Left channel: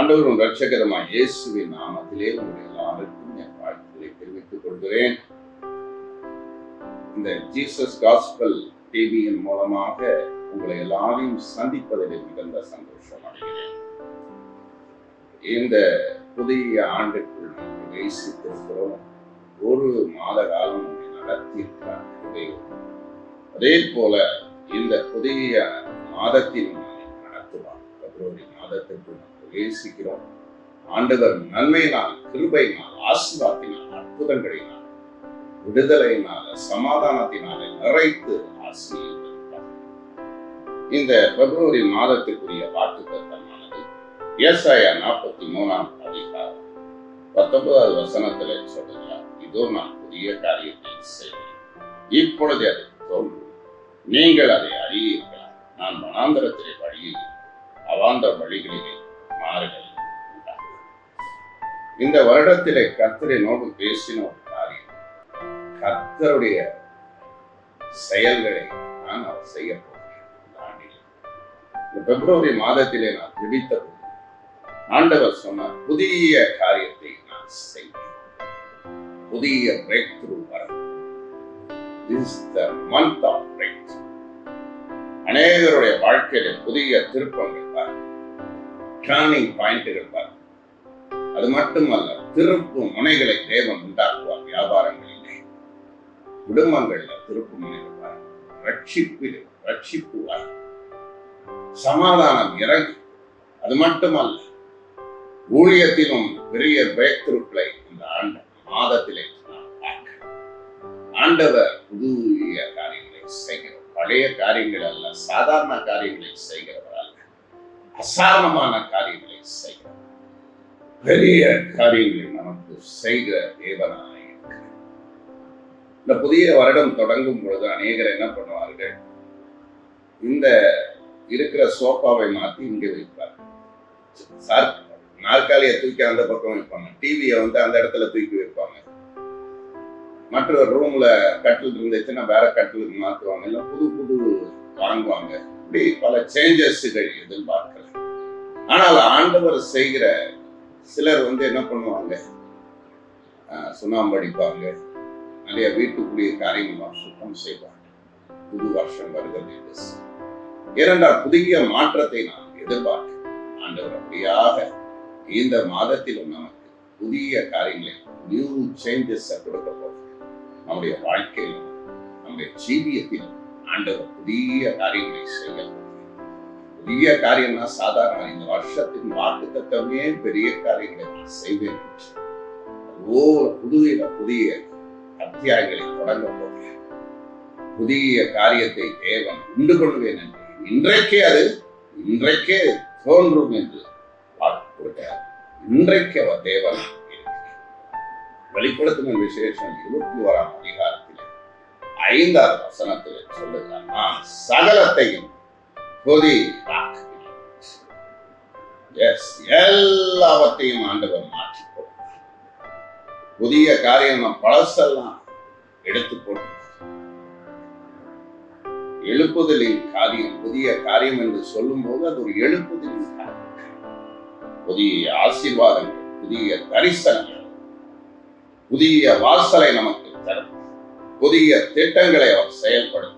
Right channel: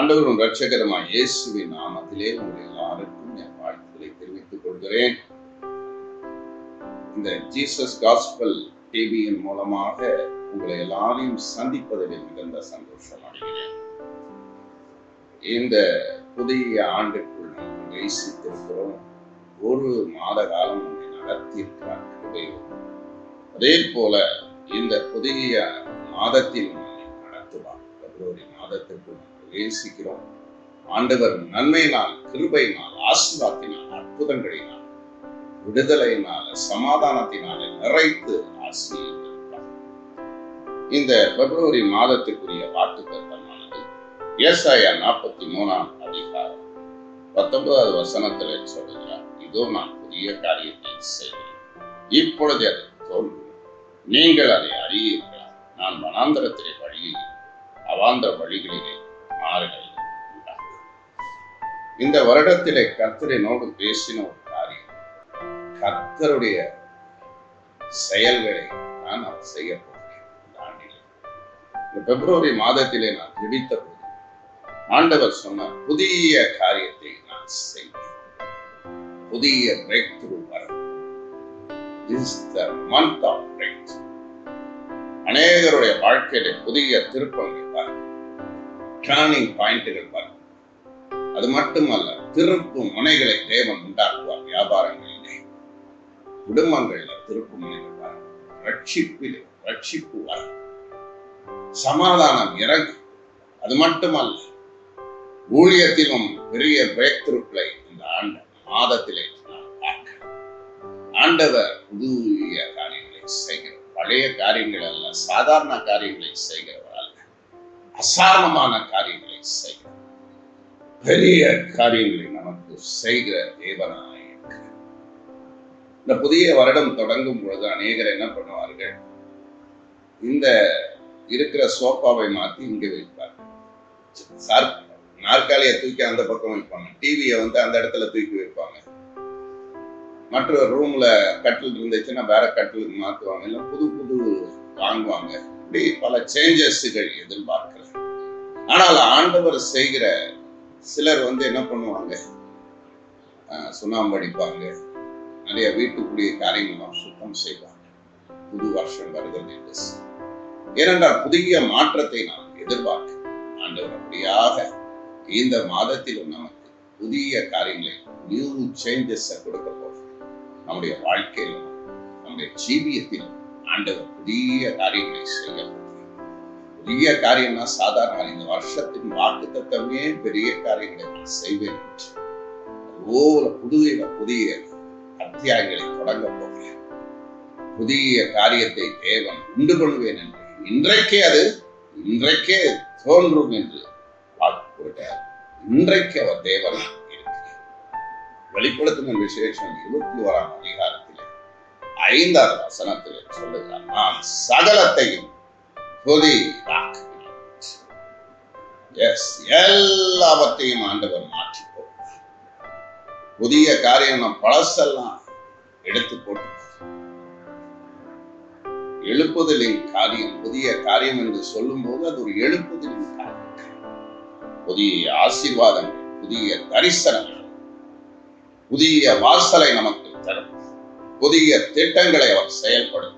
ஆண்டவரும் இரட்சகருமாய் இயேசுவின் நாமத்திலே உங்கள் எல்லாருக்கும் என் வாழ்த்துக்களை தெரிவித்துக் கொள்கிறேன். இந்த ஜீசஸ் காஸ்பல் டிவியின் மூலமாக உங்களை எல்லாரையும் சந்திப்பதில் மிகுந்த சந்தோஷம் அடைகிறேன். இந்த புதிய ஆண்டுக்குள் நாம் பிரவேசித்திருக்கிறோம். ஒரு மாத காலம் நடத்தியிருக்கிறார். அதே போல இந்த புதிய மாதத்தில் நடத்துவார். பிப்ரவரி மாதத்திற்குள் பிரவேசிக்கிறோம். ஆண்டவர் நன்மையினால், கிருபையினால், ஆசீர்வாதத்தினால், அற்புதங்களினால், விடுதலையினால, சமாதானத்தினாலே நிறைத்து ஆசீர்வதிப்பார். இந்த பிப்ரவரி மாதத்திற்குரிய வாக்குத்தத்தமானது ஏசாயா 43ஆம் அதிகாரம் 19வது வசனத்திலே சொல்கிறார், இதோ நான் புதிய காரியத்தை செய்வேன், இப்பொழுது அது தோன்றும், நீங்கள் அதை அறியீர்களா? நான் வனாந்தரத்திலே வழியில் அவாந்தர வழிகளிலே மாறுகளை உண்டாக்குவேன். இந்த வருடத்திலே கர்த்தரை நோக்கி பேசின ஒரு காரியம், கர்த்தருடைய செயல்களை நான் அவர் செய்ய போகிறேன். இந்த பிப்ரவரி மாதத்திலே நான் ஜெபித்த போது ஆண்டவர் சொன்னார், புதிய காரியத்தை நான் செய்வேன், புதிய பிரேக் த்ரூ வரும். This is the month of breakthrough. அநேகருடைய வாழ்க்கையில புதிய திருப்பங்கள் பார், டர்னிங் பாயிண்ட்கள் பார். அது மட்டுமல்ல, திருப்பு முனைகளை தேவன் உண்டாக்குவார். வியாபாரங்களிலே, குடும்பங்கள்ல திருப்பு முனைகள் பார், ரட்சிப்பு வார், சமாதானம் இறங்கும். அது மட்டுமல்ல, ஊழியத்திலும் பெரிய பிரேக் த்ரூக்களை இந்த ஆண்டு மாதத்திலே ஆண்டவர் புதிய காரியங்களை செய்கிறார். பழைய காரியங்கள் அல்ல, சாதாரண காரியங்களை செய்கிறவர் அல்ல, அசாதாரணமான காரியங்களை செய்கிறார். பெரிய காரியங்களை நமக்கு செய்கிற தேவனாக இருக்கிறார். இந்த புதிய வருடம் தொடங்கும் பொழுது அநேகர் என்ன பண்ணுவார்கள், இந்த இருக்கிற சோஃபாவை மாற்றி இங்கே வைப்பார், நாற்காலியை தூக்கி அந்த பக்கம் வைப்பாங்க, டிவியை அந்த இடத்துல தூக்கி வைப்பாங்க, மற்ற ரூம்ல கட்டில் இருந்துச்சுன்னா வேற கட்டிலுக்கு மாற்றுவாங்க, இல்லை புது வாங்குவாங்க. இப்படி பல சேஞ்சஸ்கள் எதிர்பார்க்கலாம். ஆனால் ஆண்டவர் செய்கிற சிலர் என்ன பண்ணுவாங்க, சுண்ணாம்பு அடிப்பாங்க, நிறைய வீட்டுக்குரிய காரியங்கள் சுத்தம் செய்வாங்க. புது வருஷம் வருகிறது என்று இரண்டாம் புதிய மாற்றத்தை நாம் எதிர்பார்க்கிறோம். ஆண்டவர் அப்படியாக இந்த மாதத்திலும் நமக்கு புதிய காரியங்களை, நியூ சேஞ்சஸ் கொடுக்க போகிறோம். நம்முடைய வாழ்க்கையிலும் நம்முடைய ஜீவியத்திலும் ஆண்டவர் புதிய காரியங்களை செய்யலாம். புதிய காரியம்னா சாதாரண, இந்த வருஷத்தின் வாக்குத்தத்தமே பெரிய காரியங்களை செய்வேன் என்று புதிய அத்தியாயங்களை தொடங்க போகிறேன். புதிய காரியத்தை தேவன் உண்டு பண்ணுவேன் என்று இன்றைக்கே தோன்றும் என்று வாக்கு கொடுக்கிறார். இன்றைக்கு அவர் தேவன் வெளிப்படுத்தும் விசேஷம் 21ஆம் அதிகாரத்திலே 5வது வசனத்திலே சொல்லுகிறார், நான் சகலத்தையும் எல்லாவற்றையும் ஆண்டவர் மாற்றி போட்டார். புதிய காரியம் நாம் பழசெல்லாம் எடுத்து போட்டு, எழுப்புதலின் காரியம் புதிய காரியம் என்று சொல்லும் போது அது ஒரு எழுப்புதலின் காரியம். புதிய ஆசீர்வாதங்கள், புதிய தரிசனங்கள், புதிய வாசலை நமக்கு தரும், புதிய திட்டங்களை அவர் செயல்படுத்தும்.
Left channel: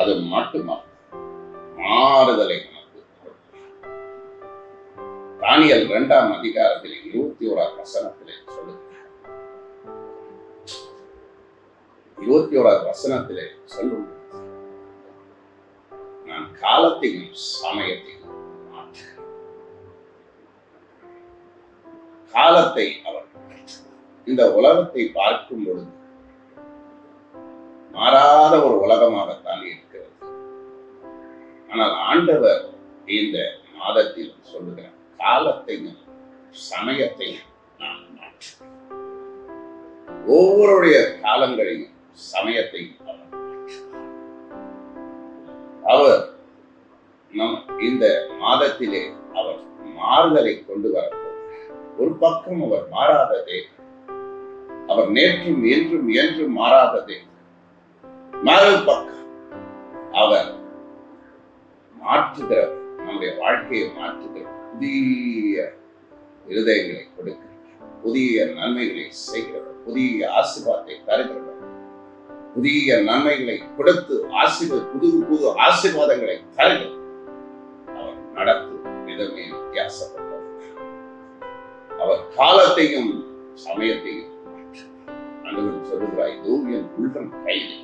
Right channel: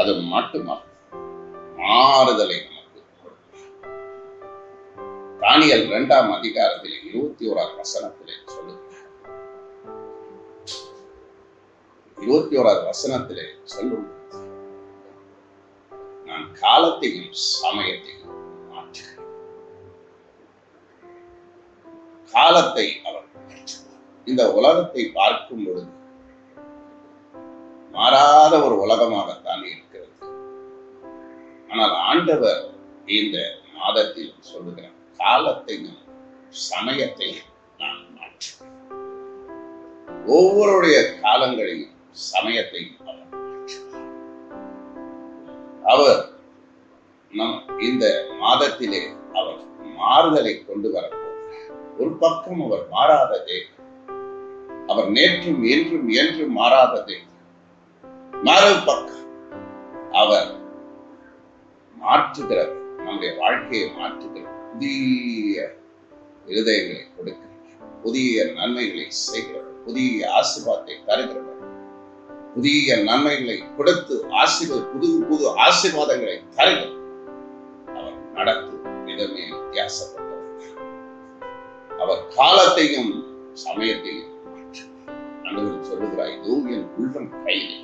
அது மட்டுமல்ல, மாறுதலை நமக்கு தரும். தானியேல் 2ஆம் அதிகாரத்தில் 21ஆம் வசனத்திலே சொல்லுகிறார், 21ஆம் வசனத்திலே சொல்லும், நான் காலத்தையும் சமயத்தையும் மாற்றுகிறேன். காலத்தை அவர் இந்த உலகத்தை பார்க்கும் பொழுது மாறாத ஒரு உலகமாகத்தான் இருக்கிறது. ஆனால் ஆண்டவர் இந்த மாதத்தில் சொல்லுகிறார், காலத்தையும் சமயத்தையும் நான் மாற்றுவேன். ஒவ்வொருடைய காலங்களையும் சமயத்தையும் அவர் நம் இந்த மாதத்திலே அவர் மாறுதலை கொண்டு வரப்போகிறார். ஒரு பக்கம் அவர் மாறாத தேவன், அவர் நேற்றும் என்றும் என்றும் மாறாத தேவன். மறுபக்கம் அவர் மாற்றுகிறவர், நம்முடைய வாழ்க்கையை மாற்றுகிறவர். புதிய இருதயங்களை கொடுக்கிறவர், புதிய நன்மைகளை செய்கிறவர், புதிய ஆசீர்வாதத்தை தருகிறவர், புதிய நன்மைகளை கொடுத்து புது புது ஆசீர்வாதங்களை தருகிறவர். அவர் நடத்தும் விதமே வித்தியாசப்பட்டவர். அவர் காலத்தையும் சமயத்தையும் ஆண்டவர் சொல்லுகிறார், இதோ என் உள்ளம் கையிலே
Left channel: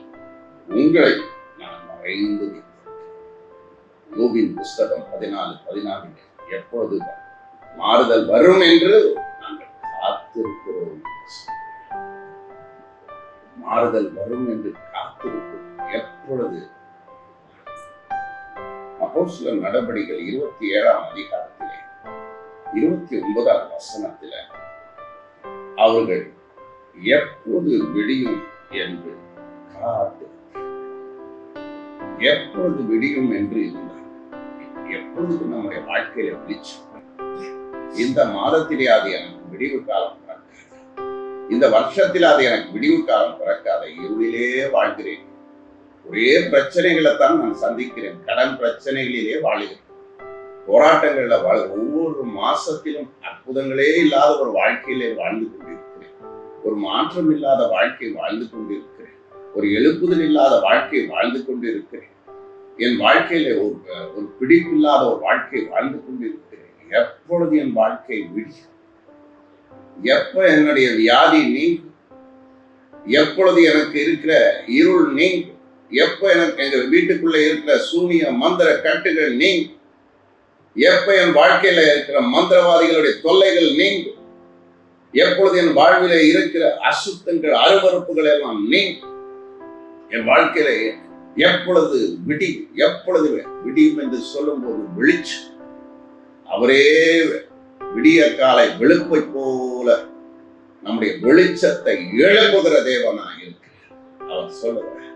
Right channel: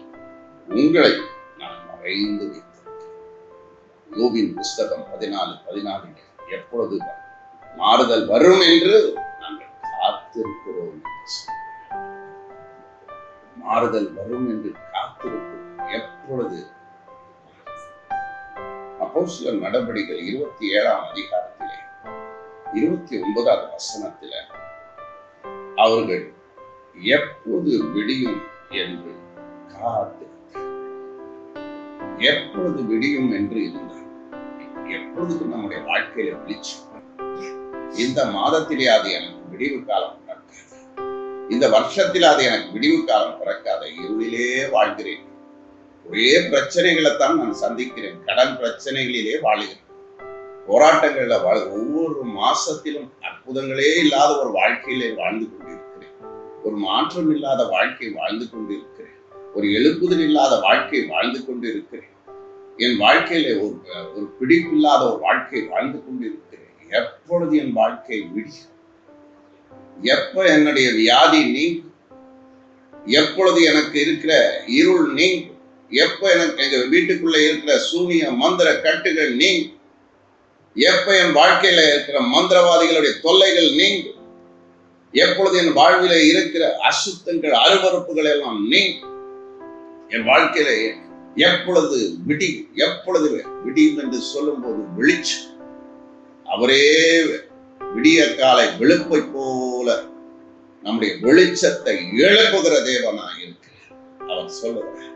உங்களை நான் மறைந்து வைத்தேன். யோபின் புஸ்தகம் 14:14 எப்பொழுது மாறுதல் வரும் என்று நாங்கள் காத்திருக்கிறோம். மாறுதல் வரும் என்று காத்திருக்கிறோம். எப்பொழுது? அப்போஸ்தலர் நடபடிகள் 27ஆம் அதிகாரத்திலே 29ஆம் வசனத்தில அவர்கள் எப்பொழுது விடியும் என்று காத்து, எப்பொழுது விடியும் என்று இருந்தார். எப்பொழுது நம்முடைய வாழ்க்கையில விழிச்சு, இந்த மாதத்திலே அது எனக்கு விடிவு காலம் பிறக்காது, இந்த வருஷத்தில் அது எனக்கு விடிவு காலம் பிறக்காத, இருளிலே வாழ்கிறேன், ஒரே பிரச்சனைகளைத்தான் நான் சந்திக்கிறேன், கடன் பிரச்சனைகளிலே வாழுகிறேன், போராட்டங்கள்ல ஒவ்வொரு மாசத்திலும் அற்புதங்களே இல்லாத ஒரு வாழ்க்கையிலே வாழ்ந்து கொண்டிருக்கிறேன், ஒரு மாற்றம் இல்லாத வாழ்க்கை வாழ்ந்து கொண்டிருக்கிறேன், ஒரு எழுப்புதல் இல்லாத வாழ்க்கை வாழ்ந்து கொண்டிருக்கிறேன், என் வாழ்க்கையில ஒரு பிடிப்பில்லாத ஒரு வாழ்க்கை வாழ்ந்து கொண்டிருக்கிறேன். எப்பொழுது என் வாழ்க்கை விடியும்? எப்ப என்னுடைய வியாதி நீங்கும்? எப்பொழுது எனக்கு இருக்கிற இருள் நீங்கும்? எப்ப எனக்கு எங்க வீட்டுக்குள்ள இருக்கிற சூனிய மந்திர கட்டுகள் நீங்கும்? எப்ப என் வாழ்க்கையில இருக்கிற மந்திரவாதிகளுடைய தொல்லைகள் நீங்கும்? எப்பொழுது என் வாழ்வில இருக்கிற அசுத்தங்கள் அருவறுப்புகள் எல்லாம் நீங்கும்? என் வாழ்க்கையில எப்பொழுது விடியும்? எப்பொழுது விடியும் என்று சொல்லும் போது வெளிச்சம், அவரே விடிய காலை வெளுப்பை போல நம்முடைய வெளிச்சத்தை எழுப்புகிற தேவனாய் இருக்கிறார். அவர் சொல்லுகிறார்,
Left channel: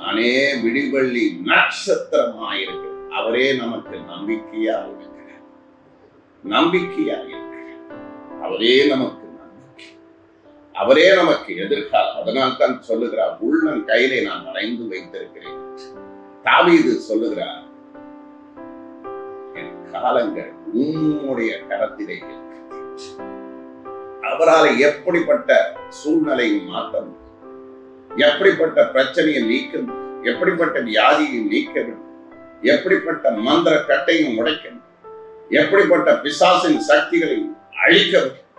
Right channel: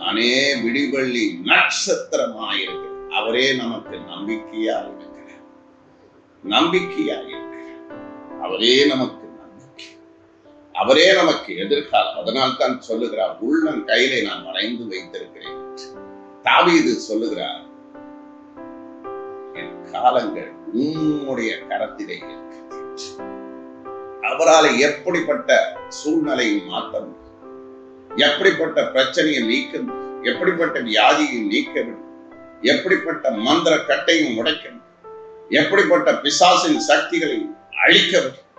நானே விடிவெள்ளி நட்சத்திரமாயிருக்கிறேன். அவரே நமக்கு நம்பிக்கையாக இருக்கிறார், நம்பிக்கையாக இருக்கிறார். அவரே நமக்கு நம்பிக்கை, அவரே நமக்கு எதிர்காலம். அதனால்தான் சொல்லுகிறார், உள்ளம் கையிலே நான் வரைந்து வைத்திருக்கிறேன். தாவீது சொல்லுகிறார், என் காலங்கள் உம்முடைய கரத்திலே இருக்கிறது. அவரால் எப்படிப்பட்ட சூழ்நிலையை மாற்ற முடியும், எப்படிப்பட்ட பிரச்சனையை நீக்க முடியும், எப்படிப்பட்ட வியாதியை நீக்க முடியும், எப்படிப்பட்ட மந்திர கட்டையும் உடைக்க முடியும், எப்படிப்பட்ட பிசாசின் சக்திகளை அழிக்க முடியும்,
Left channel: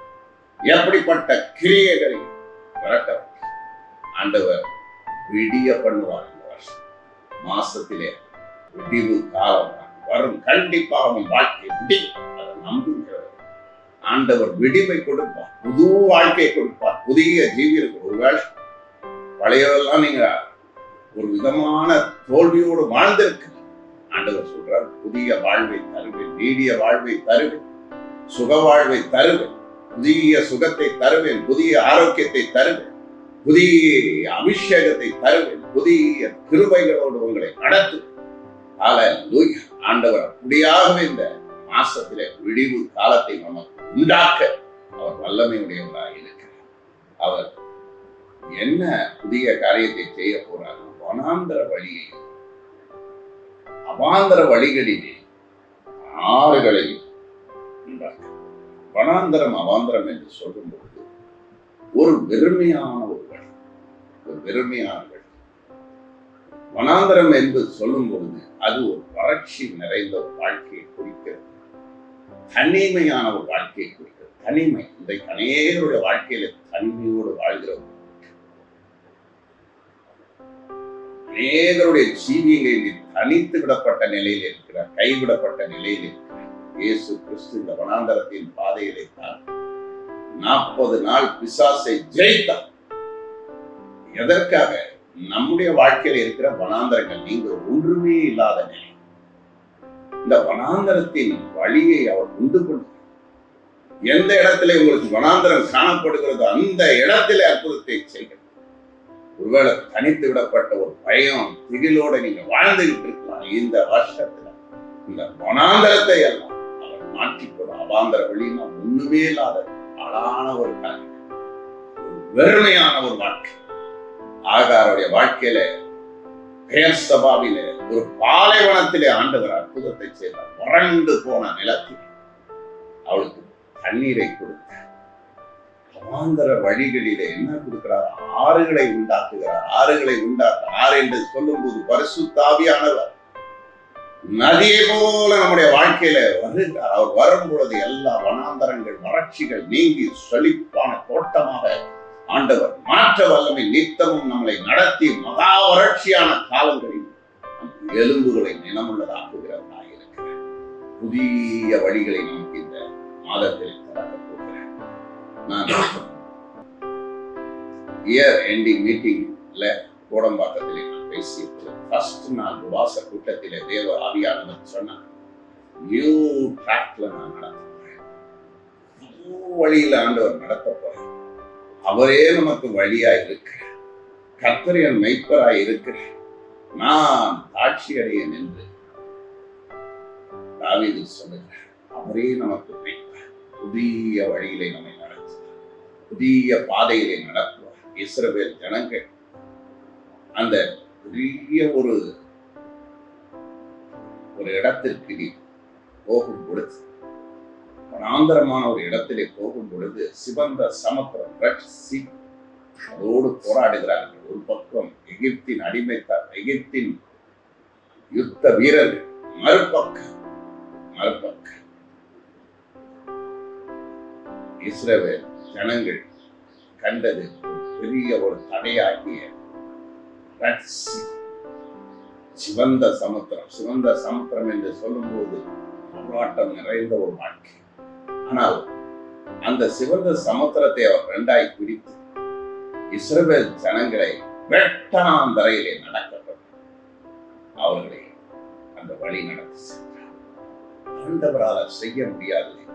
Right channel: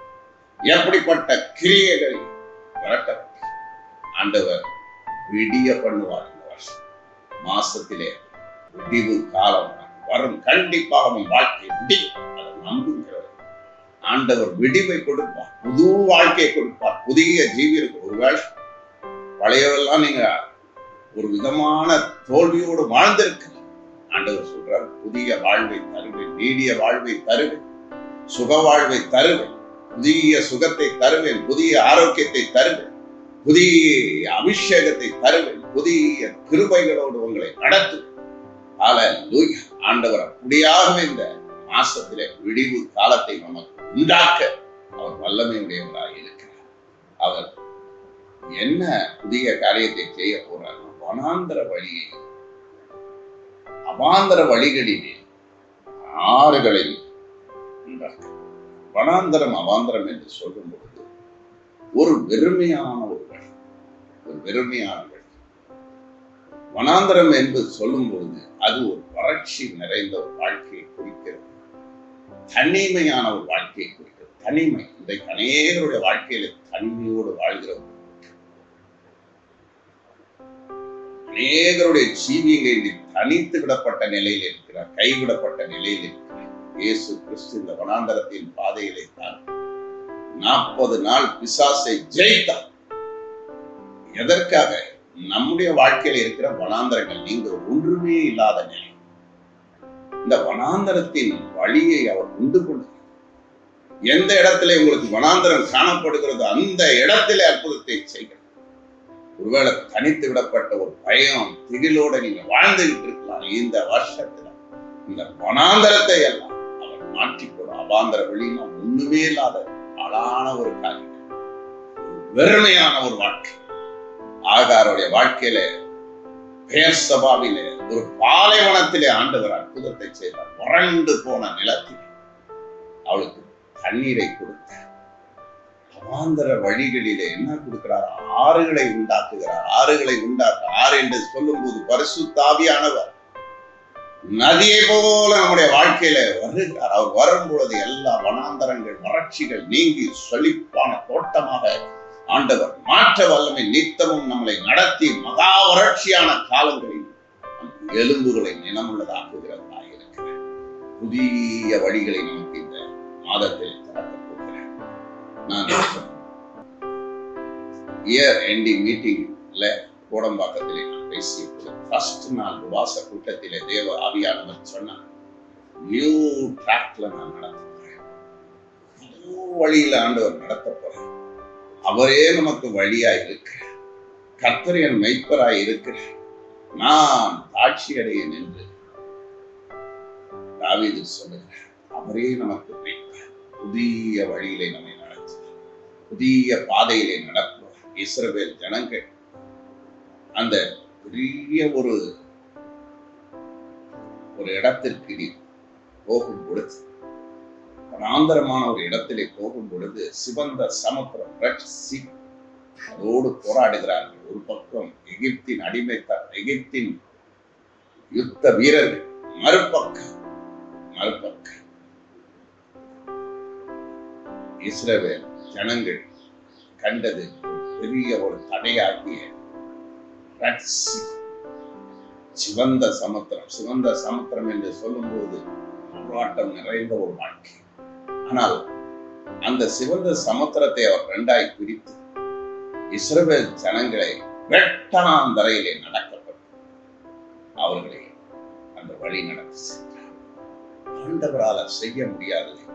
எப்படிப்பட்ட கிரியைகளை விரட்ட முடியும். ஆண்டவர் விடிய பண்ணுவார். மாசத்திலே விடிவு காலம் வரும், கண்டிப்பாக வாழ்க்கை விடியும். அதை நம்புகிறது. ஆண்டவர் விடிவை கொடுப்பார், புது வாழ்க்கையை கொடுப்பார், புதிய ஜீவியருக்கு. ஒருவேளை பழையவெல்லாம் நீங்க ஒரு விதமான தோல்வியோடு வாழ்ந்திருக்கு, ஆண்டவர் சொல்றார், புதிய வாழ்வை தருவேன், நீடிய வாழ்வை தருவேன், சுக வாழ்வை தருவேன், புதிய சுகத்தை தருவேன், புதிய ஆரோக்கியத்தை தருவேன், புதிய அபிஷேகத்தை தருவேன், புதிய கிருபைகளோடு உங்களை நடத்துவேன். ஹல்லேலூயா. ஆண்டவர் அப்படியாகவே இந்த மாசத்திலே விடிவு காலத்தை நமக்கு உண்டாக்க அவர் வல்லமையுடையவராக இருக்கிறார். அவர் என்ன புதிய காரியத்தை செய்ய போறார்? வனாந்தர வழியை, அவாந்தர வழிகளிலே ஆறுகளை உண்டாக்க. வனாந்தரம் அவாந்தரம் என்று சொல்லும்போது ஒரு வெறுமையான ஒரு வெறுமையான வனாந்தரம் என்பது சொல்லும் பொழுது அது ஒரு வறட்சி நிறைந்த ஒரு வாழ்க்கையை குறிக்கிறது, தனிமையான ஒரு வாழ்க்கையை குறிக்கிறது. தனிமை, இன்றைக்கு அநேகருடைய வாழ்க்கையில தனிமையோடு வாழ்கிறோம். அநேகருடைய ஜீவியங்களை தனித்து விடப்பட்ட நிலையில் இருக்கிறார், கைவிடப்பட்ட நிலையில் இருக்கிறார். இயேசு கிறிஸ்து இந்த வனாந்தரத்தின் பாதையிலே தான் 40 நாள் பிசாசை ஜெயித்தார். எதற்காக? நம்முடைய வாழ்க்கையில் இருக்கிற வனாந்தரங்கள் நீங்க ஒன்றுமே இல்லாத நிலை, இந்த வனாந்தரத்தின் வழியை அவர் உண்டு கொண்டு எந்த இடத்துல உங்களுக்கு வனாந்தரம் காணப்படுகிறதோ அந்த இடத்திலே அற்புதத்தை செய்கிறார். ஒருவேளை தனித்து விடப்பட்ட ஒரு பயம் திகிலோட நீங்க வாழ்ந்துகிட்டு இருக்கலாம். இந்த வருஷத்துல இந்த வனாந்தரத்தை எல்லாம் அவர் மாற்றிக்கொள்ளும். அவாந்தர வழினா ஒண்ணுமே இல்லாத அழான ஒரு காரியம், வெறுமையான ஒரு வாழ்க்கை. ஆகாருடைய வாழ்க்கையில பெயர் சபாவிலே ஒரு பாலைவனத்திலே ஆண்டவர் அற்புதத்தை செய்தார். வறண்டு போன நிலத்தில் அவளுக்கு தண்ணீரை கொடுத்தார். அவாந்தர வழிகளிலே என்ன கொடுக்கிறார்? ஆறுகளை உண்டாக்குகிறார். ஆறுகளை உண்டாக்க, ஆறு என்று சொல்லும் போது பரிசுத்த ஆவியானவர் நதியை போல நம்முடைய வாழ்க்கையில வருகிறார். அவர் வரும் பொழுது எல்லா வனாந்தரங்கள் வறட்சிகள் நீங்கி செழிப்பான தோட்டமாக ஆண்டவர் மாற்ற வல்லமை நித்தமும் நம்மளை நடத்தி மகா வறட்சியான காலங்களில் எலும்புகளை நிலமுள்ளதாக்குகிறவராக இருக்கிறார். புதிய வழிகளை நமக்கு இந்த மாதத்தில் திறக்கப் போகிறேன். நான் இயர் எண்டிங் மீட்டிங்ல கோடம்பாக்கத்திலே நான் பேசிய ஃபர்ஸ்ட் நாள் உபவாச கூட்டத்திலே தேவ ஆவியானவர் சொன்னார், நியூ ட்ராக்ல நான் நடத்த போறேன், புது வழியில ஆண்டவர் நடத்த போறேன். அவரே நமக்கு வழியாய் இருக்கிறார். கர்த்தர் என் மெய்ப்பராய் இருக்கிறார். நான் ஆட்சி அடையேன் என்று தாவீது சொல்லுகிறார். அவரே நமக்கு மெய்ப்பர். புதிய வழியிலே நம்மை நடத்துவார், புதிய பாதையிலே நடத்துவார். இஸ்ரவேல் ஜனங்கள் அந்த பெரிய ஒரு இடத்திற்கு நீ போகும் பொழுது, வனாந்தரமான ஒரு இடத்திலே போகும் பொழுது சிவந்த சமுத்திரம் அதோடு போராடுகிறார்கள். ஒரு பக்கம் எகிப்தின் அடிமைத்தார், எகிப்தின் யுத்த வீரர்கள், மறுபக்கம் இஸ்ரவேல் ஜனங்கள் கண்டது பெரிய ஒரு தடையாகிய சிவந்த சமுத்திரம். சிவந்த சமுத்திரம் என்று சொல்லும் போது போராட்டம் நிறைந்த ஒரு வாழ்க்கை. ஆனால் அந்த சிவந்த சமுத்திரத்தை அவர் இரண்டாய் பிரித்து இஸ்ரவேல் ஜனங்களை வெட்டாந்தரையிலே நடக்கப்பட்டு அவர்களை அந்த வழி நடத்தி சென்றார். ஆண்டவரால் செய்ய முடியாததை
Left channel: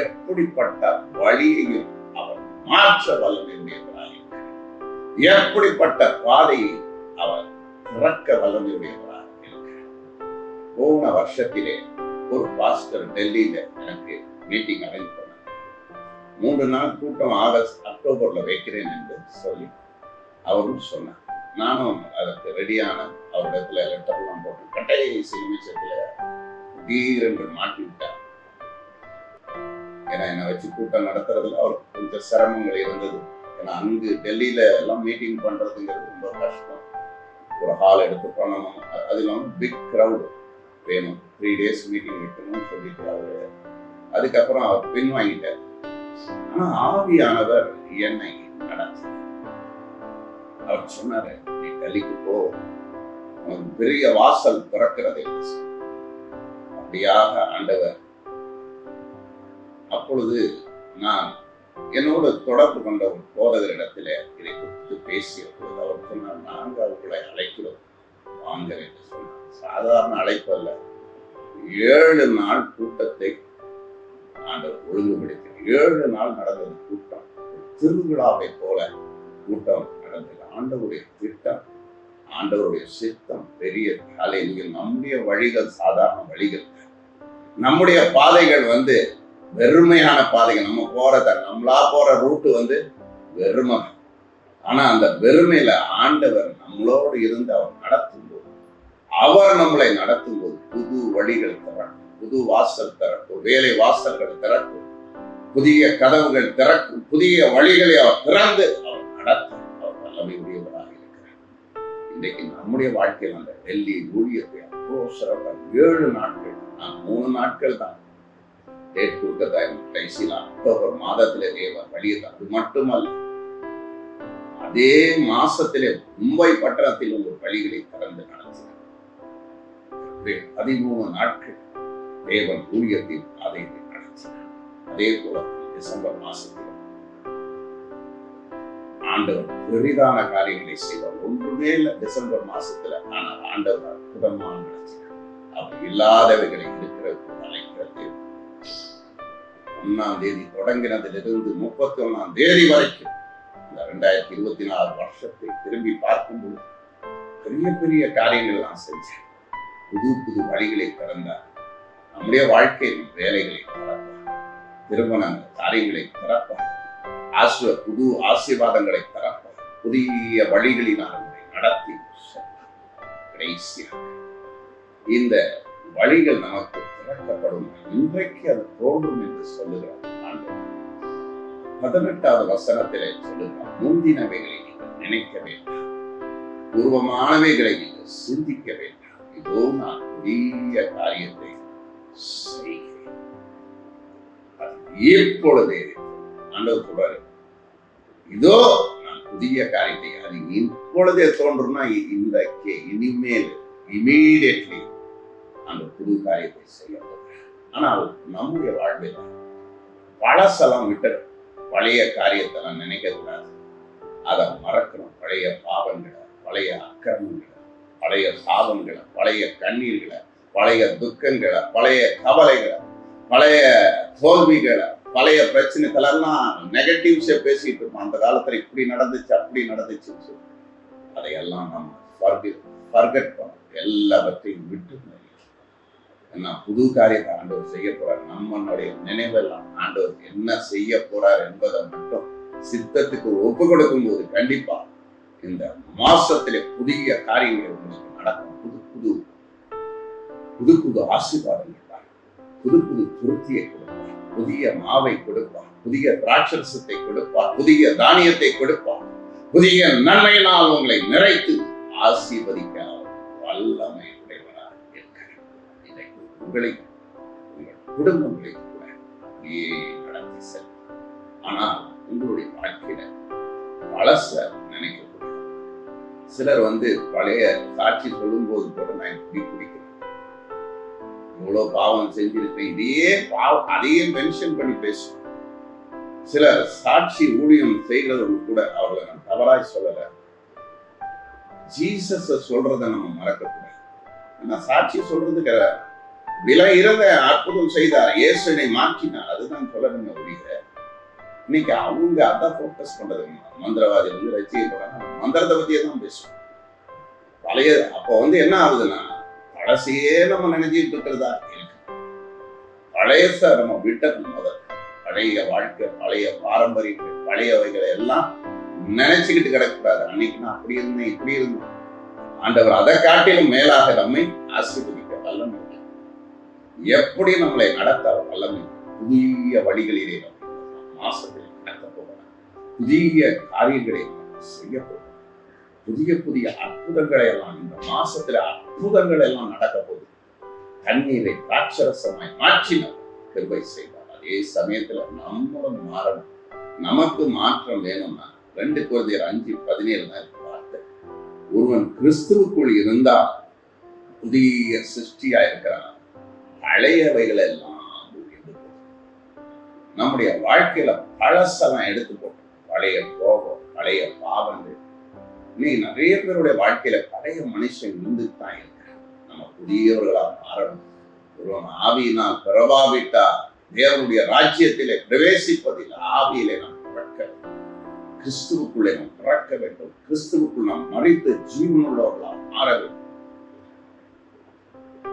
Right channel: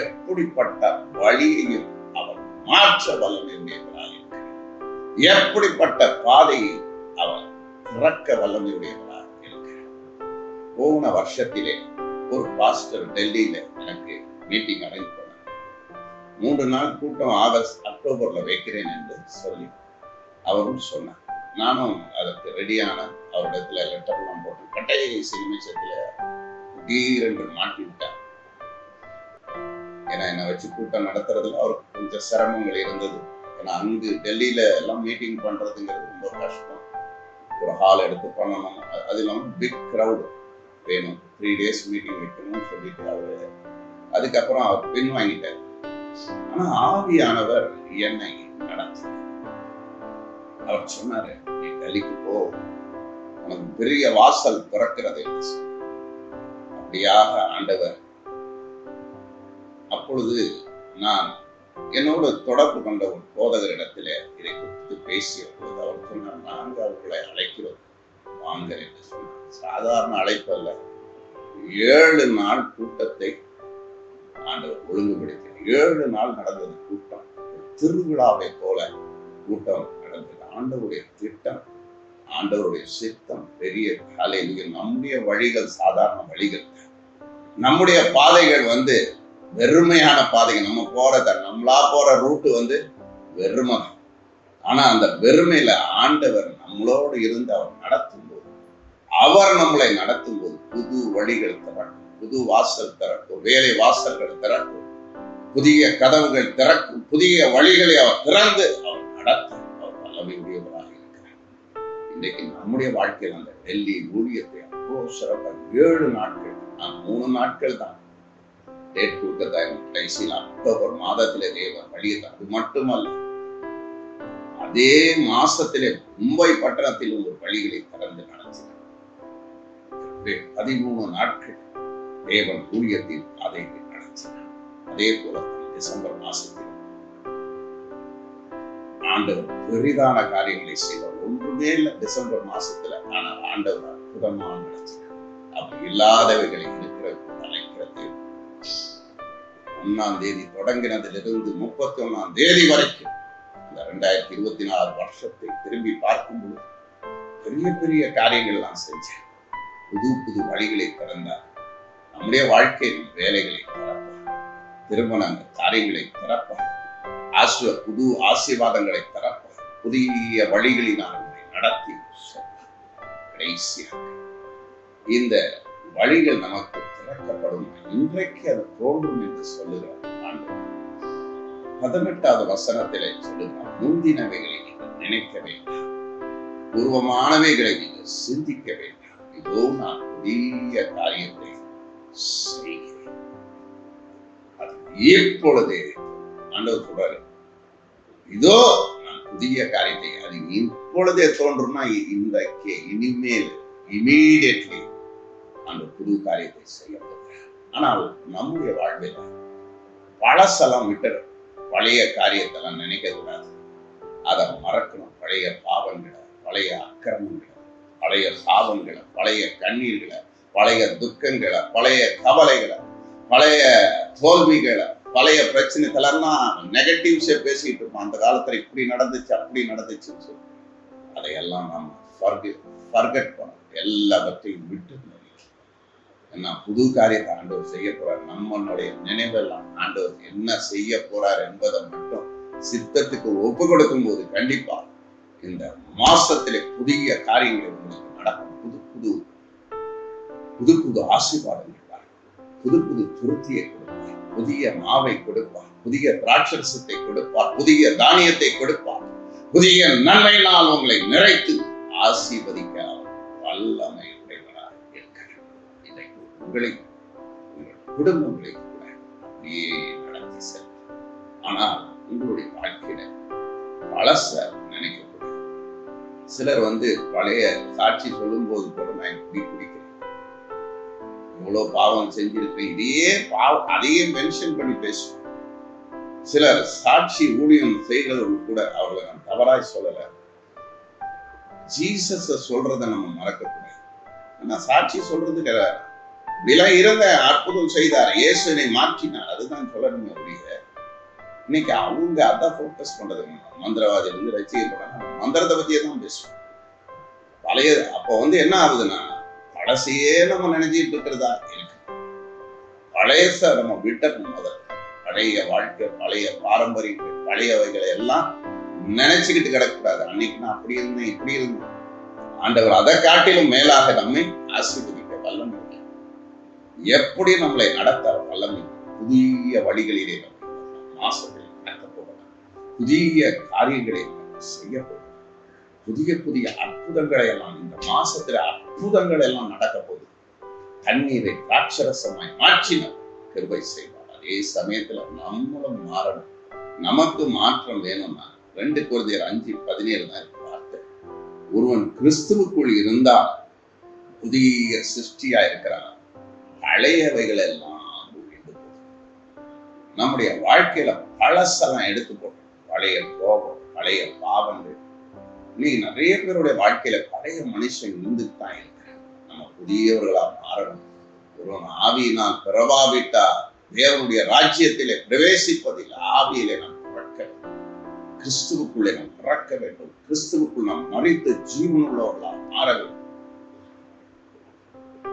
எப்படிப்பட்ட வழியையும் அவர் மாற்ற வல்லமையுடையவராக இருக்கிறார். எப்படிப்பட்ட பாதையை அவர் துறக்க வல்லமையுடையவராக இருக்கிறார். போன வருஷத்திலே ஒரு பாஸ்டர் டெல்லியில எனக்கு மீட்டிங் அரேஞ்ச் பண்ணார். 3 நாள் கூட்டம் அக்டோபர்ல வைக்கிறேன் என்று சொல்லி அவரும் சொன்னார். நானும் அதற்கு ரெடியான அவரிடத்துல லெட்டர்லாம் போட்டு கடைசி நிமிஷத்துல திடீரென்று மாட்டி விட்டார். ஏன்னா என்னை வச்சு கூட்டம் நடத்துறதுல அவருக்கு கொஞ்சம் சிரமங்கள் இருந்தது. ஏன்னா அங்கு டெல்லியில எல்லாம் மீட்டிங் பண்றதுங்கிறது ரொம்ப கஷ்டம். ஒரு ஹால் எடுத்து பண்ணணும், அது இல்லாமல் பிக் க்ரௌடு வேணும், 3 days மீட்டிங் வைக்கணும்னு சொல்லிட்டு அவரு அதுக்கப்புறம் அவர் பின் வாங்கிட்டார். ஆனா ஆவியானவர் என்னை நடத்தி அவர் சொன்னாரு, நீ டெல்லிக்கு போ, உனக்கு பெரிய வாசல் திறக்கிறது. அப்படியாக ஆண்டவர். அப்பொழுது நான் என்னோட தொடர்பு கொண்ட ஒரு போதகரிடத்துல இதை குறித்து பேசிய போது அவர் சொன்னார், நாங்கள் அவர்களை அழைக்கிறோம் வாங்க என்று சொன்னார். சாதாரண அழைப்பு அல்ல, 7 நாள் கூட்டத்தை ஆண்டவர் ஒழுங்குபடுத்தி 7 நாள் நடந்தது கூட்டம். திருவிழாவை போல கூட்டம் நடந்தது. ஆண்டவருடைய திட்டம், ஆண்டவருடைய சித்தம் பெரிய காலையில். நம்முடைய வழிகள் சாதாரண வழிகள், நம்முடைய பாதைகள் வெறுமையான பாதைகள். நம்ம நம்மளா போற ரூட்டு வெறுமை. ஆனா அந்த வெறுமையில ஆண்டவர் நம்மளோடு இருந்து அவர் நடத்தும் போது, அவர் நம்மளை நடத்தும் போது புது வழிகள் திறக்கும், புது வாசல் திறக்கும், வேலை வாசல்கள் திறக்கும், புதிய கதவுகள் திறக்கும், புதிய வழிகளை அவர் திறந்து அவர் நடத்தும். அவர் வல்லமை உடையவராக இருக்கிறார். இன்றைக்கு நம்முடைய வாழ்க்கையில் அந்த டெல்லி ஊழியத்தை அவ்வளோ சிறப்பாக 7 நாட்கள், நான் 3 நாட்கள் தான் டேட் கொடுக்க கடைசியில் அக்டோபர் மாதத்திலே தேவன் வழியை. அது மட்டுமல்ல, அதே மாசத்திலே மும்பை பட்டணத்தில் ஒரு வழிகளை திறந்து நடத்தினார். 13 நாட்கள் தேவன் ஊழியத்தில் அதை நடத்தினார். அதே போல டிசம்பர் மாசத்தில் ஆண்டவர் பெரிதான காரியங்களை செய்வார். ஒன்றுமே இல்லை டிசம்பர் மாசத்துல. ஆனால் ஆண்டவர் அற்புதமாக நடத்தினார். அவர் இல்லாதவைகளை இருக்கிறது அழைக்கிறது. 1ஆம் தேதி தொடங்கினதிலிருந்து 31ஆம் தேதி வரைக்கும் இந்த 2024 வருஷத்தை திரும்பி பார்க்கும்போது பெரிய பெரிய காரியங்கள் எல்லாம் செஞ்சேன். புது புது வழிகளை திறந்தார். நம்முடைய வாழ்க்கையில் வேலைகளை திறப்பார், திருமணங்கள் காரியங்களை திறப்பார், புது ஆசீர்வாதங்களை திறப்பார், புதிய வழிகளினால் நடத்தி கடைசியாக இந்த வழிகள் நமக்கு திறக்கப்படும் இன்றைக்கு அது தோன்றும் என்று சொல்லுகிறார் ஆண்டவர். 18வது வசனத்திலே சொல்லுகிறார், முந்தினவைகளை நீங்கள் நினைக்க வேண்டாம், பூர்வமானவைகளை நீங்கள் சிந்திக்க வேண்டாம், இதோ நான் புதிய காரியத்தை செய்கிறேன், அது இப்பொழுதே. ஆண்டவர் சொல்றாரு, இதோ நான் புதிய காரியத்தை, அது இப்பொழுதே தோன்றும்னா இன்றைக்கே, இனிமேல், இமீடியட்லி அந்த புது காரியத்தை செய்ய போகிறேன். ஆனால் நம்முடைய வாழ்வில் பழசெல்லாம் விட்டுடும், பழைய காரியத்தெல்லாம் நினைக்க கூடாது, அதை மறக்கணும். பழைய பாவங்களை, பழைய அக்கிரமங்களை, பழைய சாபங்களை, பழைய கண்ணீர்களை, பழைய துக்கங்களை, பழைய கவலைகளை, பழைய தோல்விகளை, பழைய பிரச்சனைகளெல்லாம் நெகட்டிவ்ஸே பேசிட்டு இருப்போம். அந்த காலத்துல இப்படி நடந்துச்சு, அப்படி நடந்துச்சுன்னு சொல்லி அதையெல்லாம் நம்ம ஃபர்கெட் பண்ணணும். எல்லாவற்றையும் விட்டு என்ன புது காரியத்தை ஆண்டவர் செய்ய போறார். நம்மளுடைய நினைவெல்லாம் ஆண்டவர் என்ன செய்ய போறார் என்பதை மட்டும் சித்தத்துக்கு ஒப்பு கொடுக்கும் போது கண்டிப்பா இந்த மாசத்திலே புதிய காரியங்கள் உங்களுக்கு நடக்கும். புது புது புது ஆசீர்வாதங்கள், புது புது துருத்தியை கொடுப்பார், புதிய மாவை கொடுப்பார், புதிய திராட்சரசத்தை கொடுப்பார், புதிய தானியத்தை கொடுப்பார், புதிய நன்மையினால் உங்களை நிறைத்து ஆசீர்வதிக்க வல்லமை உடையவராக இருக்கிறார். இதை உங்களை, உங்கள் குடும்பங்களை கூட அப்படியே நடத்தி செல்லும். ஆனால் உங்களுடைய வாழ்க்கையில பழச நினைக்கக்கூடாது. சிலர் பழைய சாட்சி சொல்லும் போது கூட நான் இப்படி குடிக்கிறேன், இவ்வளவு பாவம் செஞ்சிருக்கேன், இதே பாவம் அதையே மென்ஷன் பண்ணி பேசுவோம். சிலர் சாட்சி ஊழியம் செய்கிறவங்க கூட அவர்களை நான் தவறாய் சொல்லல, ஜீசஸ சொல்றதை நம்ம மறக்கக்கூடாது. ஏன்னா சாட்சி சொல்றதுக்கு விலை இருந்த அற்புதம் செய்தார், இயேசுவை மாற்றினார், அதுதான் சொல்லணுங்க ஒழிய இன்னைக்கு அவங்க அதான் போக்கஸ் பண்றது. மந்திரவாதி ரசிக்கப்படாங்க, மந்திரத்தை பத்தியே தான் பேசுவோம். பழைய அப்போ என்ன ஆகுதுன்னா பழசையே நம்ம நினைச்சிட்டு இருக்கிறதா இருக்கு. பழையச நம்ம விட்டணும். முதல் பழைய வாழ்க்கை, பழைய பாரம்பரியங்கள், பழையவைகளை எல்லாம் நினைச்சுக்கிட்டு கிடக்கூடாது. அன்னைக்கு நான் அப்படி இருந்தேன், இப்படி இருந்தேன். ஆண்டவர் அதை காட்டிலும் மேலாக நம்மை ஆசீர்வதிக்க வல்லமை, எப்படி நம்மளை நடத்த வல்லமை, புதிய வழிகளிலே மாசத்தில் நடக்க போகிறார், புதிய காரியங்களை செய்ய போகிறார், புதிய புதிய அற்புதங்களை எல்லாம் இந்த மாசத்துல அற்புதங்கள் எல்லாம் நடக்க போகுது. தண்ணீரை திராட்சரசமாய் மாற்றினார், கிருபை செய்வார். அதே சமயத்துல நம்மளும் மாறணும். நமக்கு மாற்றம் வேணும்னா 2 கொரிந்தியர் 5:17 தான் வார்த்தை. ஒருவன் கிறிஸ்துவுக்குள் இருந்தால் புதிய சிருஷ்டியா இருக்கிறான், பழையவைகள் எல்லாம் நம்முடைய வாழ்க்கையில பழசெல்லாம் எடுத்து போட்டோம். பழைய கோபம், பழைய பாவங்கள். இன்னைக்கு நிறைய பேருடைய வாழ்க்கையில பழைய மனுஷன் இருந்துட்டு தான் இருக்கிறான். நம்ம புதியவர்களா மாறணும். ஒருவன் ஆவியினால் பிறவாவிட்டா தேவனுடைய ராஜ்யத்திலே பிரவேசிப்பதில் ஆவியிலே நாம் பிறக்க வேண்டும். கிறிஸ்துவுக்குள்ளே நாம் பிறக்க வேண்டும். கிறிஸ்துவுக்குள் நாம் மரித்து ஜீவனுள்ளவர்களாக மாற வேண்டும்.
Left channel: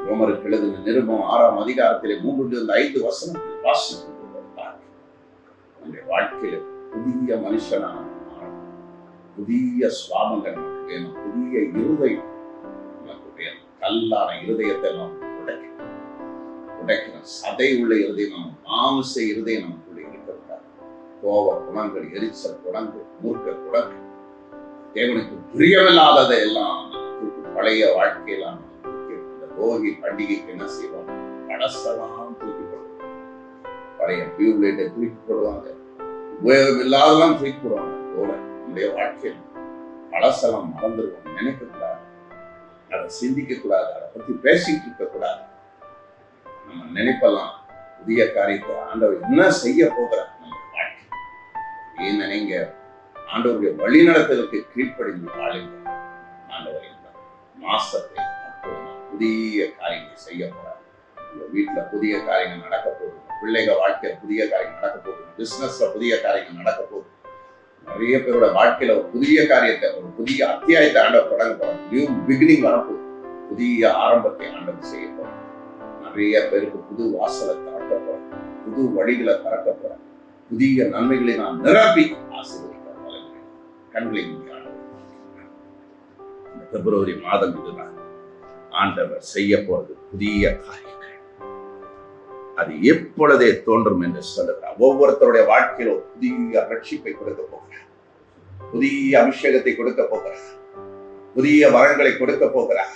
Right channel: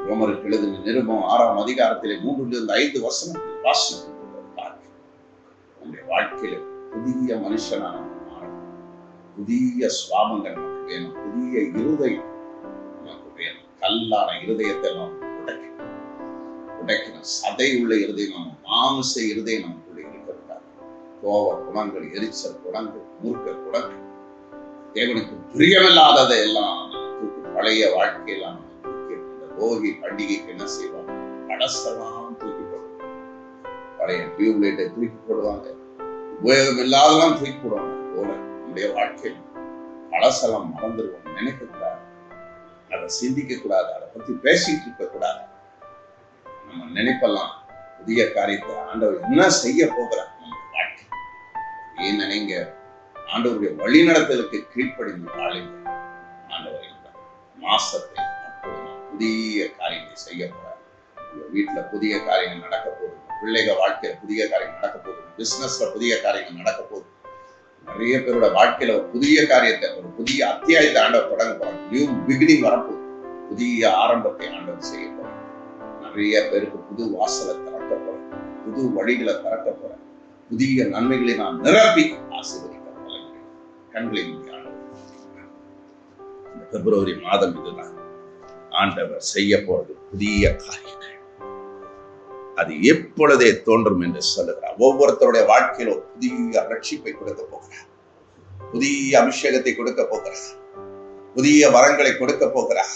ரோமருக்கு எழுதின நிருபம் 6ஆம் அதிகாரத்திலே 3-5 வசனத்தில் வாசிக்கும் நம்முடைய வாழ்க்கையில புதிய மனுஷனா மாறணும். புதிய சுவாபங்கள் நமக்கு வேணும். புதிய இருதயம் நமக்கு வேணும். கல்லான இருதயத்தை நாம் உடைக்கணும். சதை உள்ள இருதயம், நம்ம மாம்ச இருதயம் நமக்குள்ள இருக்கக்கூடாது. கோப குணங்கள், எரிச்சல் குணங்கள், மூர்க்க குணங்கள், தேவனுக்கு பிரியமில்லாததை எல்லாம் பழைய வாழ்க்கையெல்லாம் இந்த போகி பண்டிகைக்கு என்ன செய்வாங்க, பழசெல்லாம் தூக்கி போடுவாங்க. பழைய டியூப்லைட்டை தூக்கி போடுவாங்க, உபயோகம் இல்லாதெல்லாம் தூக்கி போடுவாங்க. போல நம்முடைய வாழ்க்கையில் பழசெல்லாம் மறந்துடுவோம், நினைக்க கூடாது, அதை சிந்திக்க கூடாது, அதை பத்தி பேசிட்டு இருக்க கூடாது. நம்ம நினைப்பெல்லாம் புதிய காரியத்தை ஆண்டவர் என்ன செய்ய போகிறார் நம்ம வாழ்க்கை. ஏன் நினைங்க, ஆண்டவருடைய வழிநடத்தலுக்கு கீழ்ப்படிந்த ஆளுங்க ஆண்டவர் மாசத்தை புதிய காரியங்களை செய்ய போறார். உங்க வீட்டுல புதிய காரியங்கள் நடக்க போகுது, பிள்ளைகள் வாழ்க்கையில புதிய காரியங்கள் நடக்க போகுது, பிசினஸ்ல புதிய காரியங்கள் நடக்க போகுது. நிறைய பேரோட வாழ்க்கையில ஒரு புதிய காரியத்தை, ஒரு புதிய அத்தியாயத்தை ஆண்டவர் தொடங்க போறார். நியூ பிகினிங் வரப்போகுது, புதிய ஆரம்பத்தை ஆண்டவர் செய்ய போறார். நிறைய பேருக்கு புது வாசலை திறக்க போறார், புது வழிகளை திறக்க போறார், புதிய நன்மைகளை நாம் நிரப்பி ஆசீர்வதிக்க கண்களை இந்த பிப்ரவரி மாதம் இதுதான் ஆண்டவர் செய்ய போறது புதிய காரியங்கள். அது எப்பொழுதே தோன்றும் என்று சொல்லுகிறார். ஒவ்வொருத்தருடைய வாழ்க்கையில புதிய ரட்சிப்பை கொடுக்க போகிறார், புதிய அபிஷேகத்தை கொடுக்க போகிறார், புதிய வரங்களை கொடுக்க போகிறார்,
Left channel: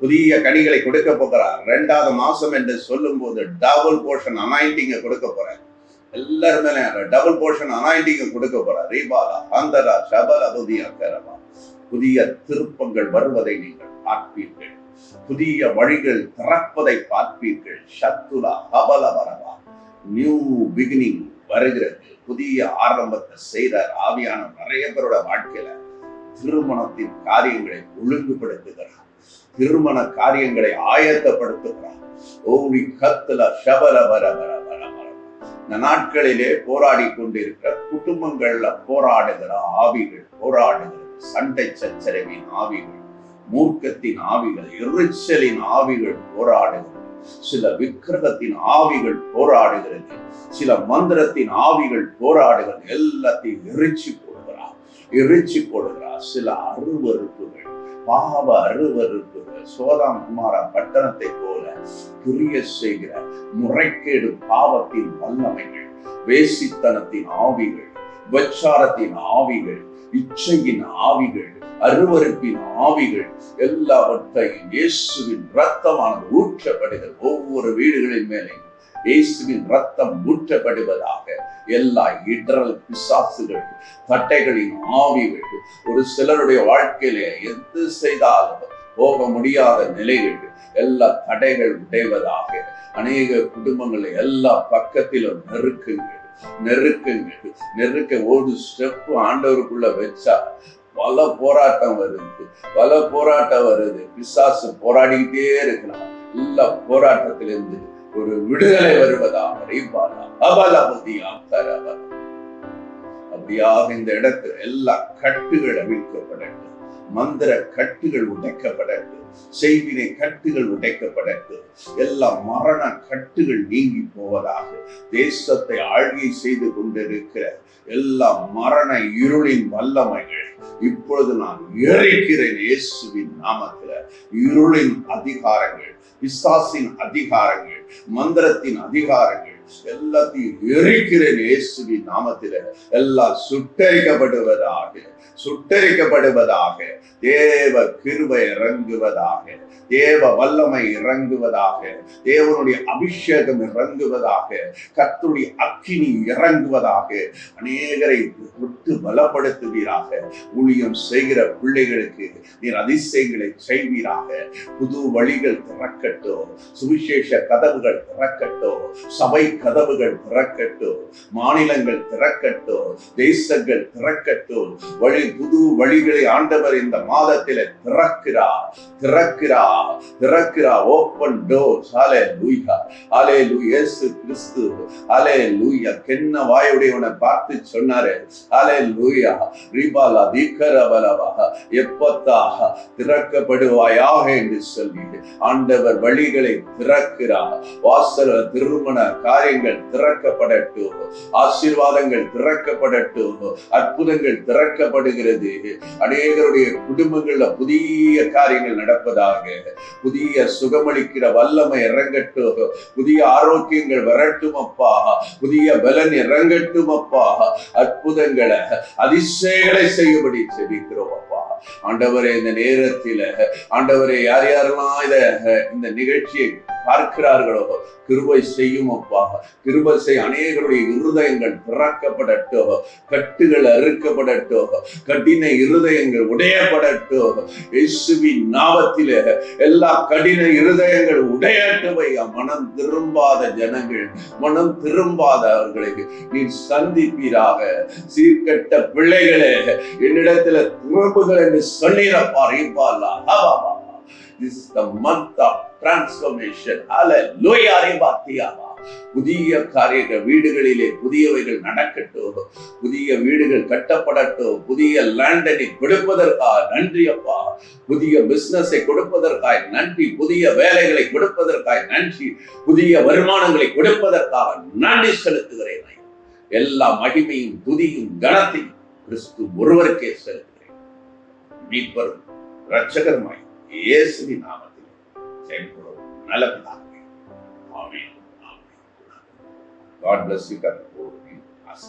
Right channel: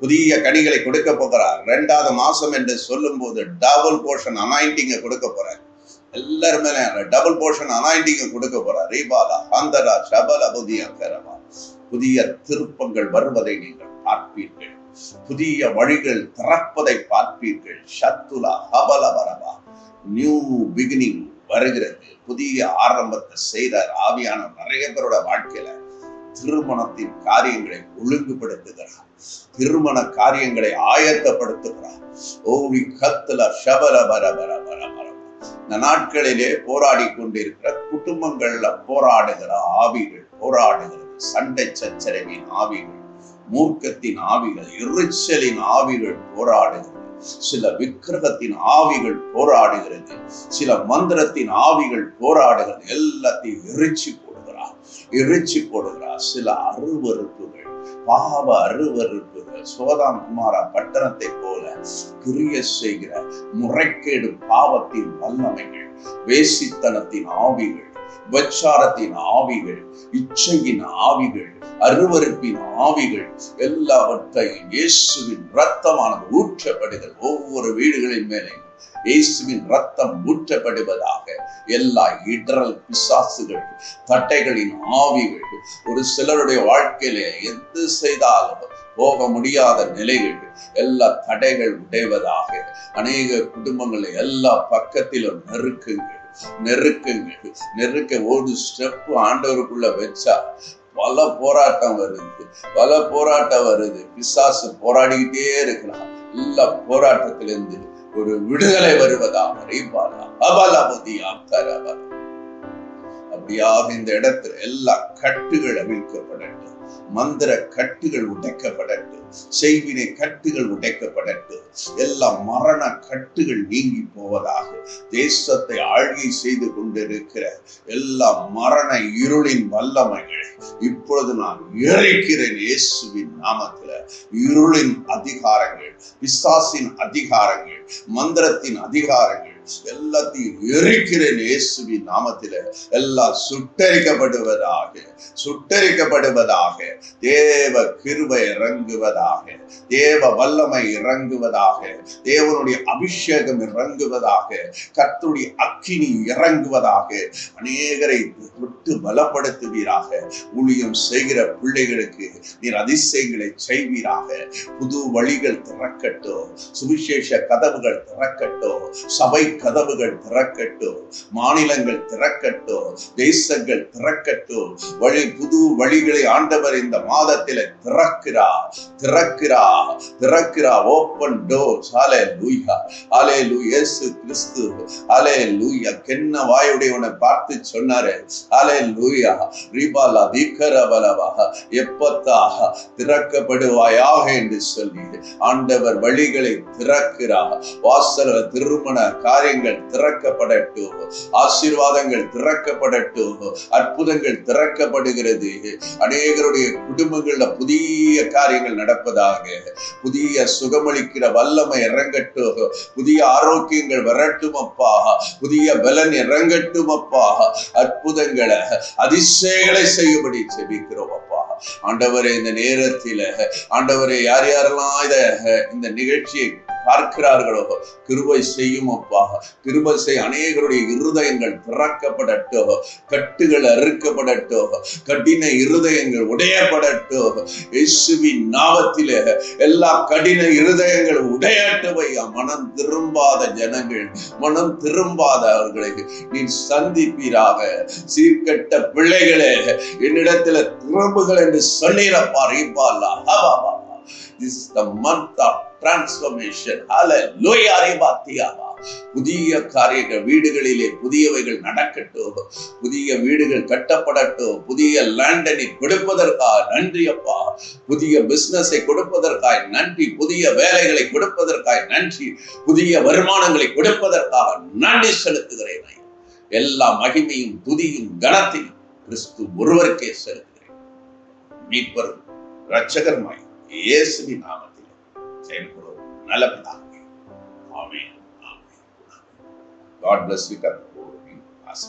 புதிய கனிகளை கொடுக்க போகிறார். 2வது மாசம் என்று சொல்லும் போது டபுள் போர்ஷன் அனாயிண்டிங்க கொடுக்க போறார். எல்லாருமே டபுள் போர்ஷன் அனாயிண்டிங்க கொடுக்க போறார். ரீபாலா அந்தரா ஷபல புதிய கரவா. புதிய திருப்பங்கள் வருவதை நீங்கள் பார்ப்பீர்கள், புதிய வழிகள் திறப்பதை பார்ப்பீர்கள். சத்துலா ஹபல வரவா. நியூ பிகினிங் வருகிறது, புதிய ஆரம்பத்தை செய்தார் ஆவியான நிறைய பேரோட வாழ்க்கையில. திருமணத்தின் காரியங்களை ஒழுங்குபடுத்துகிறார், திருமண காரியங்களை ஆயத்தப்படுத்துகிறார். ஓவி கத்துல ஷபல வர வர வர வர. இந்த நாட்களிலே போராடி கொண்டிருக்கிற குடும்பங்கள்ல போராடுகிற ஆவிகள், போராடுகிறது சண்டை சச்சரவின் ஆவிகள், மூர்க்கத்தின் ஆவிகள், எரிச்சலின் ஆவிகள் போராடுகிறது. சில விக்கிரகத்தின் ஆவிகள் போராடுகிறது, சில மந்திரத்தின் ஆவிகள் போராடுகிறது. எல்லாத்தையும் எரிச்சு போடுகிறார். சில அருவருப்புகள், பாவ அருவருப்புகள், சோதாம் குமாரா பட்டணத்தை போல கிரிய செய்கிற முறைகேடு பாவத்தின் வல்லமைகள், வேசித்தனத்தின் ஆவிகள், விபச்சாரத்தின் ஆவிகள், இச்சையின் ஆவிகள், அருவருப்பின் ஆவிகள் எல்லாவற்றையும் இயேசுவின் இரத்தமானது ஊற்றப்படுகிறது. ஒவ்வொரு வீடுகளின் மேலே இயேசுவின் ரத்தம் ஊற்றப்படுவதாக. எல்லா இடரல் பிசாசுகள், தட்டைகளின் ஆவிகள், ஒரு சிலருடைய வாழ்க்கையில எது செய்தாலும் போக முடியாத நிலைகள், எல்லா தடைகள் உடைவதாக. அநேக குடும்பங்களை எல்லா பக்கத்திலும் நெருக்க ஒரு ஸ்டெப் ஆண்டவருக்குள்ள வச்சா பல போராட்டம் வருது. பிசாசு போராடிக்கிட்டே இருக்கலாம். எல்லா போராட்டத்திலிருந்து ஒரு விடுதலை வருவதாக. அப்படியாக இந்த இடத்துல எல்லா கட்டுகள் அவிழ்க்கப்படட்டும், மந்திர கட்டுகள் உடைக்கப்படட்டும், செய்வினை கட்டுகள் உடைக்கப்படட்டும், எல்லா மரண கட்டுகள் நீங்கி போவதாக. தேசத்தை ஆழ்கை செய்து கொண்டிருக்கிற எல்லா மரண இருளின் வல்லமைகள் இப்பொழுது நான் எரிக்கிறேன் இயேசுவின் நாமத்துல. இருளின் அதிகாரங்கள், பிசாசின் அதிகாரங்கள், மந்திரத்தின் அதிகாரங்கள் எல்லாத்தையும் எரிக்கிறேன் இயேசுவின் நாமத்தில. எல்லாம் சுட்டரிக்கப்படுவதாக. தேவ கிருபை இறங்குவதாக, தேவ வல்லமை இறங்குவதாக, தேவனுடைய அபிஷேகம் இறங்குவதாக, கர்த்தருடைய அக்கினி இறங்குவதாக. அநேகரை விட்டு பலப்படுத்துவீராக. ஊழியம் செய்கிற பிள்ளைகளுக்கு நீர் அதிசயங்களை செய்வீராக. புது வழிகள் திறக்கட்டும், சுவிசேஷ கதவுகள் திறக்கட்டும், சபை கதவுகள் திறக்கட்டும், மாநிலங்கள் திறக்கட்டும், தேசங்கள் திறக்கட்டும். புது வழிகளை ஆண்டவர் இந்த மாதத்தில திறக்கிறார். Open doors. ஹல்லேலூயா, ஹல்லேலூயா. இயேசு கிறிஸ்து ஹல்லேலூயா கென்ன வாயுடையவனை பார்த்து சொன்னாரே, ஹல்லேலூயா ரிபாலா தீக்கரபலவா எப்பத்தா திறக்கப்படுவாயாக என்று சொல்லி ஆண்டவர் வழிகளை திறக்கிறார். வாசல்கள், திருமண காரியங்கள் திறக்கப்படட்டும், ஆசீர்வாதங்கள் திறக்கப்படட்டும், அற்புதங்கள் திறக்கப்படுகிறது. அநேகருடைய குடும்பங்கள்ல புதிய காரியங்கள் நடப்பதாக. புதிய சுகமளிக்கிற வல்லமை இறங்கட்டும், புதிய ஆரோக்கியங்கள் வரட்டும் அப்பா, புதிய பலன் இறங்கட்டும் அப்பா. அற்புதங்களை, அதிசயங்களை செய்யும்படி செபிக்கிறோம் அப்பா. ஆண்டவரே, இந்த நேரத்தில ஆண்டவரே, யார் யாரெல்லாம் இந்த நிகழ்ச்சியை பார்க்கிறார்களோ கிருபை செய்யும் அப்பா. கிருபை செய். அநேகருடைய இருதயங்கள் திறக்கப்படட்டும், கட்டுகள் அறுக்கப்படட்டும், கடின இருதயங்கள் உடையப்படட்டும் இயேசுவின் நாமத்திலே. எல்லா கடின இருதயங்கள் உடையட்டும் ஐயா. மனம் திரும்பாத ஜனங்கள், மனம் திரும்பாதவர்களை நீ சந்திப்பீராக. சீர்கட்ட பிள்ளைகளே, என்னிடத்துல திரும்புகள் என்று சொன்னீரப்பா. This is the month of transformation. Hallelujah. புதிய காரியங்கள் வீடுகளிலே புதியவைகள் நடக்கட்டும், புதிய வீடுகள் கட்டப்படட்டும், புதிய லேண்டனை கொடுப்பதற்காக நன்றி அப்பா. புதிய பிசினஸை கொடுப்பதற்காக நன்றி, புதிய வேலைகளை கொடுப்பதற்காக நன்றி, புதிய வருமானங்களை கொடுப்பதற்காக நன்றி செலுத்துகிறேன். எல்லா மகிமையும் துதியும் கனத்தையும் கிறிஸ்து ஒருவருக்கே செலுத்துகிறேன். மீட்பரும் இரட்சகருமாய் இயேசுவின் நாமத்தில் செயல்படும் நல்ல பிதாவே. ஆமென். காட் பிளஸ் யூ, கற்றுக் ஆசை.